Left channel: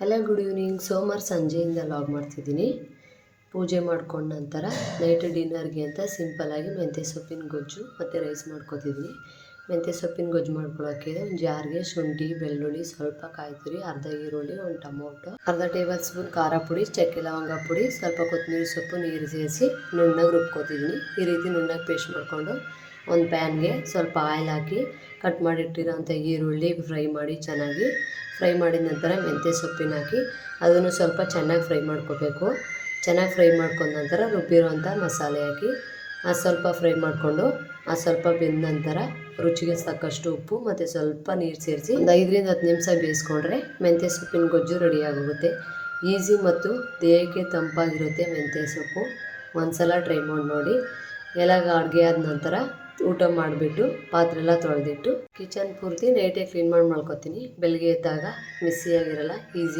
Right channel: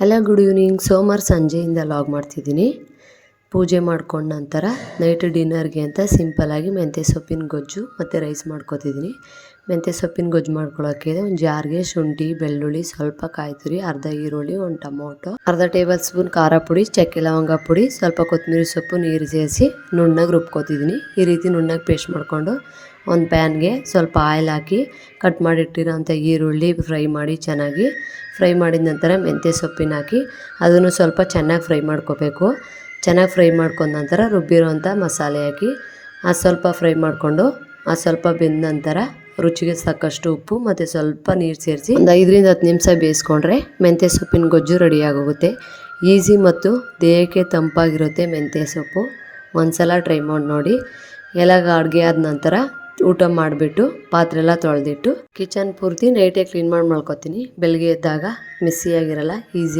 Hello good evening. ಸೋಮವಾರ ಸಂಜೆಯಿಂದ log ಮಾಡ್ತಿದ್ದೀನಿ. ಪೂಜೆ ಮಾಡ್ಕೊಂಡ ನಂತರ ನೈಟ್ ಡಿನ್ನರ್ಗೆ ಅಂತ ಸಿಂಪಲ್ಲಾಗಿ ಮೆಂತ್ಯ ಸೊಪ್ಪಿನ ಗೊಜ್ಜು ಮತ್ತು ರೈಸ್ ಮಾಡ್ಕೊತಿದ್ದೀನಿ. ಮೆಂತ್ಯ ಸೊಪ್ಪಿನ ಗೊಜ್ಜು ಮಾಡ್ಕೊಳ್ಳೋಕ್ಕೆ ಒಂದು ಜಾರ್ಗೆ ಶುಂಠಿ, ಬೆಳ್ಳುಳ್ಳಿ, ಸ್ವಲ್ಪ ಕಾಯಿ ತುರಿ, ಅರ್ಧ ಈರುಳ್ಳಿ, ಒಂದು ಟೊಮೊಟೊ, ಅರ್ಧ ಟೇಬಲ್ ಸ್ಪೂನ್ ಖಾರ ಪುಡಿ, ಚಕ್ಕೆ ಲವಂಗ ಪುಡಿ, ಸ್ವಲ್ಪ ಕೊತ್ತಂಬರಿ ಸೊಪ್ಪು, ನೀರು ಸೇರಿಸಿ ನುಣ್ಣಗೆ ರುಬ್ಕೊತಿದ್ದೀನಿ. ಈ ರೀತಿ ನುಣ್ಣಗೆ ಪೇಸ್ಟ್ ಮಾಡಿಕೊಂಡು ಒಂದು ಪ್ಯಾನ್ಗೆ ಸ್ವಲ್ಪ ಆಯಿಲ್ ಹಾಕಿ ಕಟ್ ಮಾಡಿಟ್ಟಿರೋಂಥ ಈರುಳ್ಳಿ ಫ್ರೈ ಮಾಡಿ ಫ್ರೈ ಮಾಡಿದ ನಂತರ ಮೆಂತ್ಯ ಸೊಪ್ಪಿನ ಹಾಕಿ ಅದನ್ನು ಸ್ವಲ್ಪ ಚೆನ್ನಾಗಿ ಫ್ರೈ ಮಾಡ್ಕೋಬೇಕು. ಚೆನ್ನಾಗಿ ಫ್ರೈ ಮಾಡ್ಕೊಂಡ ನಂತರ ರುಬ್ಬಿರೋಂಥ ಮಸಾಲೆ ಹಾಕಿ ಸ್ವಲ್ಪ ಫ್ರೈ ಮಾಡಿಕೊಂಡು ಸ್ವಲ್ಪ ಬೆಂದ ನಂತರ ರುಚಿಗೆ ತಕ್ಕಷ್ಟು ಉಪ್ಪು ಮತ್ತು ಸ್ವಲ್ಪ ನೀರು ಸೇರಿಸಿ ಒಂದು 5-10 ನಿಮಿಷ ಬೇಯಿಸ್ಕೊಂಡ್ರೆ ಮೆಂತ್ಯ ಸೊಪ್ಪಿನ ಗೊಜ್ಜು ರೆಡಿಯಾಗೋಗುತ್ತೆ. ಈಸಿ ಮತ್ತು ದೇಹಕ್ಕೆ ತಂಪಾಗಿರುತ್ತೆ ಮೆಂತ್ಯ ಸೊಪ್ಪು. ಒಂದು ಸಲ ಟ್ರೈ ಮಾಡಿ ನೋಡಿ. ಎಲ್ಲ ಅಡುಗೆ ಆದ ನಂತರ ಊಟ ಮಾಡಿಬಿಟ್ಟು ಪಾತ್ರೆ ಎಲ್ಲ ತೊಳೆದಿಟ್ಟು ಕಿಚನ್ ಪೂರ್ತಿ ನೈಟೇ ಕ್ಲೀನ್ ಮಾಡಿ ಮಲ್ಕೋತೀನಿ. ಬೆಳಗ್ಗೆ ಎದ್ದಾಗ ಮಿಸ್ಸಿಯಾಗಿರಲ್ಲ, ಈಸಿ